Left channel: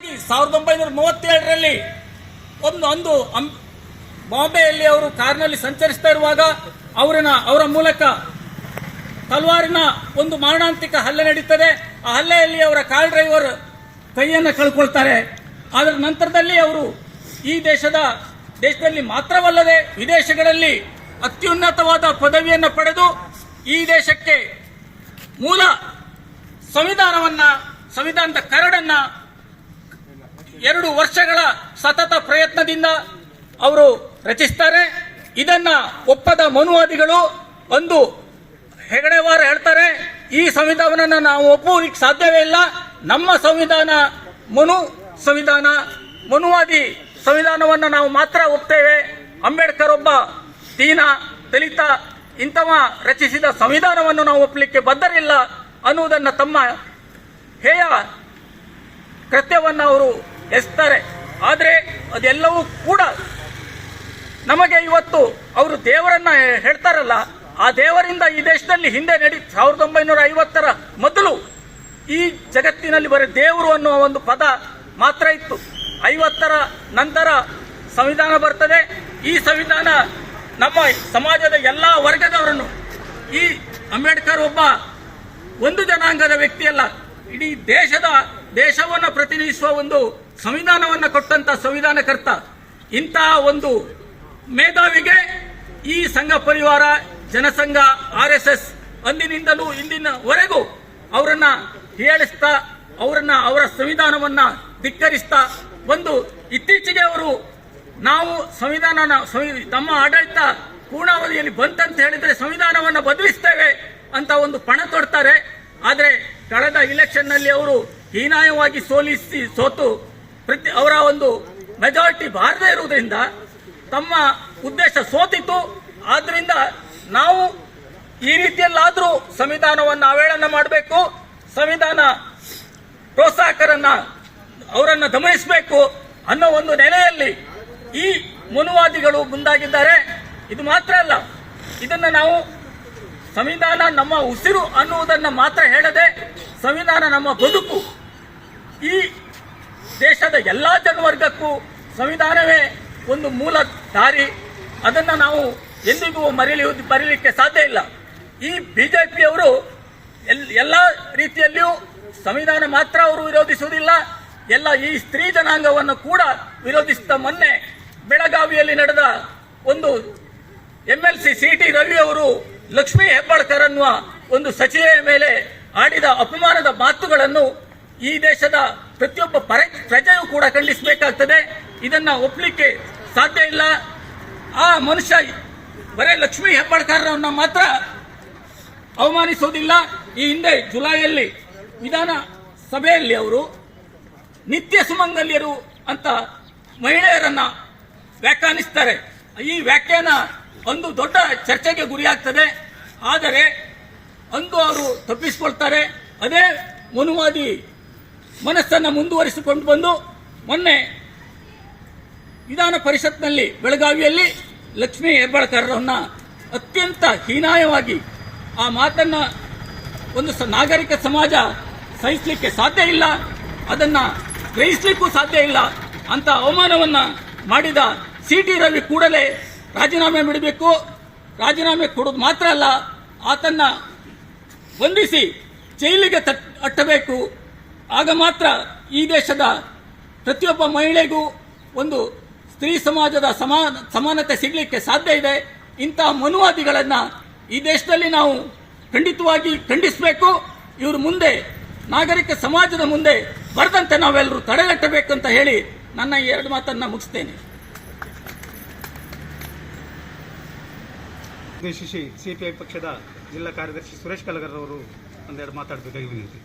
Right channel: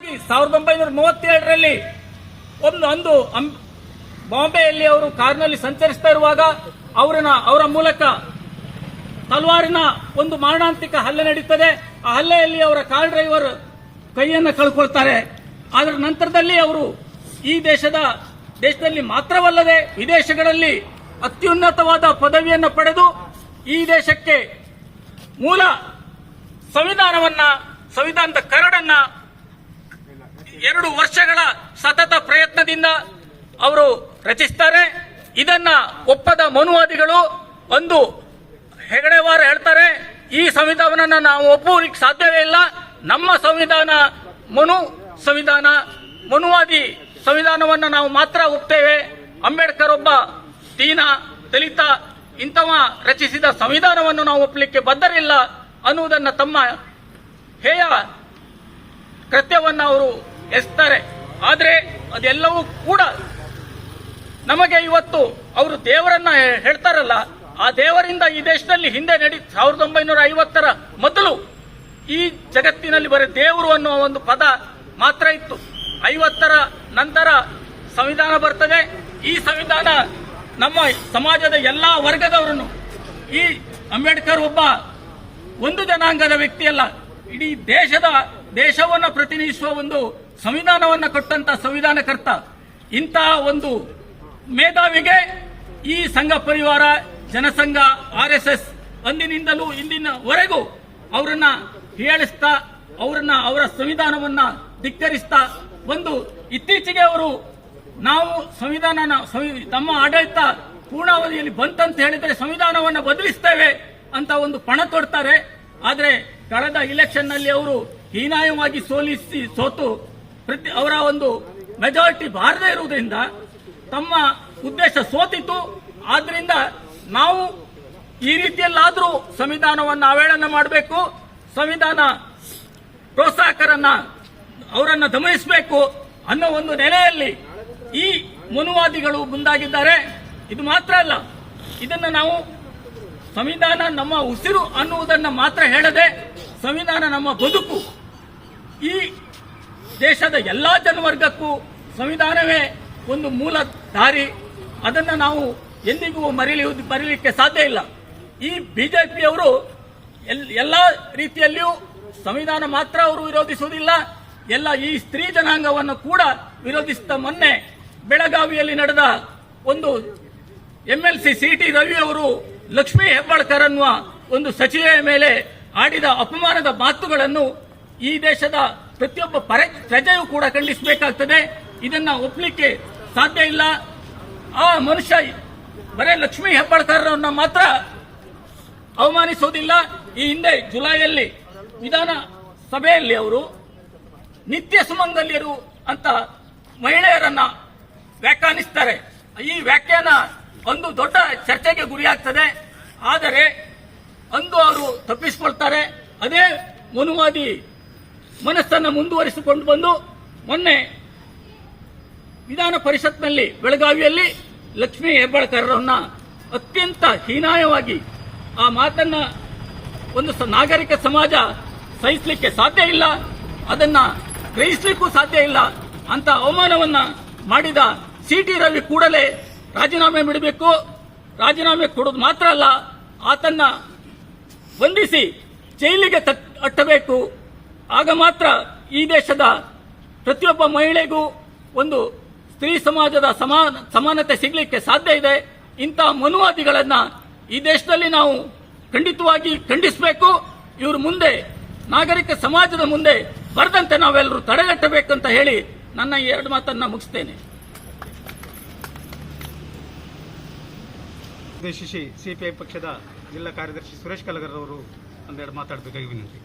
1937ರಲ್ಲಿ ಒಂದು ಬಾಂಬೆಯಲ್ಲಿ ಅವರು ಕಾರ್ನಲ್ಲಿ ಸಂಚರಿಸ್ತಾ ಇರುವಾಗ ಅವರ ಮೂಲಕ ತಲವಾರಿನ ಒಂದು ಮಾರಣಾಂತಿಕ ಹಲ್ಲೆ ನಡೀತದೆ. ಆ ಹಲ್ಲೆಯಲ್ಲಿ ಅವರ ಕಾರ್ ಡ್ರೈವರ್ ಕೈಯನ್ನು ಕಳ್ಕೊಳ್ತಾರೆ. ಅದರ ನಂತರದಲ್ಲಿ ಅವರು ಈ ದೇಶದಲ್ಲಿ ಮಾತ್ರವಲ್ಲದೆ ವಿದೇಶಗಳಲ್ಲಿ ಅತ್ಯುನ್ನತವಾದ ಪದವಿಯನ್ನು ಪಡೆದು ಈ ದೇಶಕ್ಕೆ ಮೂಲ ಸಂವಿಧಾನದ ಕರಡನ್ನ 2 ವರ್ಷಗಳ ಸತತ ಪ್ರಯತ್ನದಿಂದ ಅವರು ರಚಿಸ್ತಾರೆ. ಇದನ್ನ ಒಪ್ಪದ ಮನುವಾದಿಗಳು ಒಂದು ಹೆಗಡೆವಾರ ಹೇಳ್ತಾರೆ, ಈ ಸಂವಿಧಾನವನ್ನು ನಾವು ಒಪ್ಪುವುದಕ್ಕೆ ಸಾಧ್ಯವೇ ಇಲ್ಲ, ನಮ್ಮ ಸಂವಿಧಾನ ಮನುವಾದಿ ಸಂವಿಧಾನವನ್ನು ನಾವು ಮಾತ್ರ ಒಪ್ತೇವೆ. ಅಂಬೇಡ್ಕರ್ ಒಬ್ಬ ದಲಿತ ಇಂಥವ ರಚಿಸಿದ ಸಂವಿಧಾನವನ್ನು ನಾವು ಒಪ್ಪಲಿಕ್ಕೆ ಬದ್ಧರಿಲ್ಲ ಅನ್ನುವುದನ್ನು ತಮ್ಮ ಹೇಯ ಕೃತ್ಯವನ್ನು ಅವರು ಎಸ್ತಾರೆ. ಆದರೆ ಅದೆಲ್ಲವೂ ಕೂಡ ನಮಗೆ ಇವತ್ತು ಅವರು ದೇವರನ್ನ ಹೇಳ್ತಾರಲ್ಲ, ಆ ದೇವರಿಂದ ಈ ದೇಶದಲ್ಲಿ ಹಿಂದೆ 1950ರ ಮೊದಲು ಈ ಜಗತ್ತಿನಲ್ಲಿ ಬರೀ ದೇವರು ಅನ್ನುವ ಒಂದು ಪದ ಮಾತ್ರ ಇತ್ತು. 50ರ ನಂತರ ಸಂವಿಧಾನ ಬರ್ತದೆ. ಈ ಸಂವಿಧಾನ ನಮ್ಮ ಸಮಾಜದ ಎಲ್ಲಾ ವರ್ಗದವರನ್ನು, ಈ ಅಂಬೇಡ್ಕರ್ ಒಬ್ಬ ಒಂದು ಜನಾಂಗದ ವ್ಯಕ್ತಿಯಲ್ಲ, ಇಡೀ ದೇಶವನ್ನು ಪ್ರತಿನಿಧಿಸುವ ಒಂದು ಸಂವಿಧಾನವನ್ನು ಕೊಟ್ಟಂತ ಸಂವಿಧಾನಕರ್ತ. ಇಂತಹ ಒಂದು ಮೇಧಾವಿಗೆ ಈ ಸಂಘ ಪರಿವಾರ, ಜನಸಂಘ, RSS ಅಂದಿನಿಂದಲೂ ಇಂದಿನವರೆಗೂ ಅವರನ್ನ ಹೀಯಾಳಿಸ್ತಾ, ಅವರ ಸಂವಿಧಾನವನ್ನ ಧಿಕ್ಕರಿಸ್ತಾ ಒಂದು ಇತ್ತೀಚೆಗೆ ಅವರು ನಾವು ನಮ್ಮ ಆಡಳಿತ ಪೂರ್ಣಾವಧಿಯಲ್ಲಿ ಬಂತಂತ ಹೇಳಿದ್ರೆ ಸಂವಿಧಾನವನ್ನು ಬದಲಿಸ್ತೇವೆ ಅಂತ ಒಂದು ಪಣ ತೊಡ್ತಾರೆ. ಆದರೆ ಕಳೆದ ಇಲೆಕ್ಷನ್ ನಲ್ಲಿ ಅವರು ಹೀನಾಯವಾಗಿ ಸೋತು ಅವರ ಒಂದು ಮೆಜಾರಿಟಿ ಬಾರದೇ ಇರುವುದರಿಂದ ತಮ್ಮ ಉದ್ದೇಶ ಸೋತಿತು. ಆದ್ರಿಂದ ನಾವು ಈ ರೀತಿಯಲ್ಲಾದರೂ ಸಂವಿಧಾನವನ್ನು ಅವಹೇಳನ ಮಾಡಬೇಕು, ಸಂವಿಧಾನ ಪ್ರೋತ್ಸಾಹಕರನ್ನ ಅವರನ್ನ ದಮನಿಸಬೇಕು ಅನ್ನೋ ಒಂದು ನೆಲೆಯಲ್ಲಿ ಈ ಮನುವಾದಿಗಳು ಮುಂದಾಗಿದ್ದಾರೆ. ಇದು ಮಾತ್ರ ಅಲ್ಲ, ಇದನ್ನು ನಾವು ಸಂವಿಧಾನ ನಮ್ಮ ಉಸಿರು ಅನ್ನುವುದನ್ನು ಮಾತ್ರ ಹೇಳದೆ, ಸಂವಿಧಾನ ನಮ್ಮ ಬದುಕು, ಈ ದೇಶದ ಎಲ್ಲಾ ಜನವರ್ಗಕ್ಕೂ ಸಂವಿಧಾನವೇ ಒಂದು ಮೂಲ ದಾರಿ. ಅದನ್ನು ನಾವು ಎಂದಿಗೂ ಮರೀಲಿಕ್ಕೆ ಸಾಧ್ಯ ಇಲ್ಲ. ಈ ಬಿಜೆಪಿಯವರು ಎಲ್ಲಾ ರೀತಿಯಲ್ಲಿಯೂ ಸಂವಿಧಾನ ಮಾತ್ರ ಅವರು ವಿರೋಧಿಸುವುದಿಲ್ಲ, ಈ ಸ್ತ್ರೀ ಜನಾಂಗವನ್ನು ಕೂಡ ವಿರೋಧಿಸಿದ. ಮೊನ್ನೆ ಬೆಳಗಾವಿಯಲ್ಲಿ ನಡೆದ ಒಂದು MLC CT ರವಿ ಅವರು ಲಕ್ಷ್ಮೀ ಹೆಬ್ಬಾಳ್ಕರ್ ಅನ್ನುವ ಒಂದು ಸಚಿವೆಯ ಮೇಲೆ ಆಡಿದ ಅಪಮಾನದ ಮಾತುಗಳನ್ನು ಈ ದೇಶದ ಪ್ರತಿಯೊಬ್ಬ ಪ್ರಜೆಯೂ ಕೂಡ ಖಂಡಿಸಬೇಕಾಗ್ತದೆ. ಇದನ್ನ ಒಪ್ಪಲಿಕ್ಕೆ ಸಾಧ್ಯ ಇಲ್ಲ. ಆ ಮನುಷ್ಯ ಬರೇ ಲಕ್ಷ್ಮೀ ಹೆಬ್ಬಾಳ್ಕರ್ ಮಾತ್ರ ಅವಮಾನಿಸುವುದಿಲ್ಲ. ಈ ಹಿಂದೆ ಜುಲೈಯಲ್ಲಿ ವಿಧಾನಸಭೆಯಲ್ಲಿ ಅವರು ನಿತ್ಯ ಸುಮಂಗಲ್ಯರು ಅಂತ ಮಹಿಳೆಯರನ್ನ ವ್ಯಾಖ್ಯಾನಿಸ್ತಾರೆ. ಈ ವ್ಯಾಖ್ಯಾನ ಒಂದು ದೊಡ್ಡ ಚರ್ಚೆಗೆ ಗುರಿಯಾಗ್ತದೆ. ಆದರೆ ಅವರು ತಪ್ಪಿಸಿಕೊಳ್ತಾರೆ. ಅದೇ ಮನುವಾದಿ ಮನಸ್ಸನ್ನು ಮುಂದುವರಿಸಿಕೊಂಡು ಬಂದು ಮೊನ್ನೆ ವಿಧಾನ ಪರಿಷತ್ನಲ್ಲಿ ಬೆಳಗಾವಿಯಲ್ಲಿ ಲಕ್ಷ್ಮೀ ಹೆಬ್ಬಾಳ್ಕರ್ ಅತ್ಯಂತ ಹೀನಾಯವಾಗಿ ಆ ಮಾತನ್ನ ಒಂದು ನಾಗರಿಕ ಸಮಾಜ ಸಹಿಸಲಿಕ್ಕೆ ಸಾಧ್ಯ ಇಲ್ಲ, ಅದನ್ನ ಗ್ರಹಿಸಲಿಕ್ಕೂ ಸಾಧ್ಯ ಇಲ್ಲ ಅಂತ ಅವಮಾನವನ್ನ ಮಾಡಿದ CT ರವಿ ಕೂಡಲೇ ರಾಜೀನಾಮೆ ಬಿಡಬೇಕು. ರಾಜೀನಾಮೆ ಕೊಡೋದು ಮಾತ್ರ ಅಲ್ಲ, ಆತನ್ನ ಬಂಧಿಸಿ ಜೈಲಿಗೆ ಅಟ್ಟಬೇಕು. ಆಗ ಮಾತ್ರ ಈ ದೇಶದ ಪ್ರತಿಯೊಬ್ಬ ಮಹಿಳೆಗೂ ಒಂದು ಸ್ತ್ರೀ ಸಮಾಜದ ಸಮಾನತೆ ಸಿಗಲಿಕ್ಕೆ ಸಾಧ್ಯ ಇದೆ. ಇಂತಹ ಮನುವಾದಿಗಳನ್ನ ಈ ದೇಶದಲ್ಲಿ ನಾವು ಖಂಡಿತವಾಗಿ ಖಂಡಿಸಬೇಕು. ಇವರು ಮುಂದೆ ನಾಗರಿಕ ಸಮಾಜದ ಮುಂದೆ ಬರದಂತೆ ನಾವೆಲ್ಲರೂ ತಡೆಗಟ್ಟಬೇಕಂತ ಹೇಳಿ ನನ್ನ 2 ಮಾತನ್ನ ಮುಗಿಸ್ತೇನೆ. ಉದ್ದೇಶಿಸಿ CPI ಪಕ್ಷದ ಜಿಲ್ಲಾ ಕಾರ್ಯದರ್ಶಿ ಸುರೇಶ್ ಕಲಗರ್ ಅವರು ಒಂದೆರಡು ಮಾತಾಡಬೇಕಾಗಿ ವಿನಂತಿ.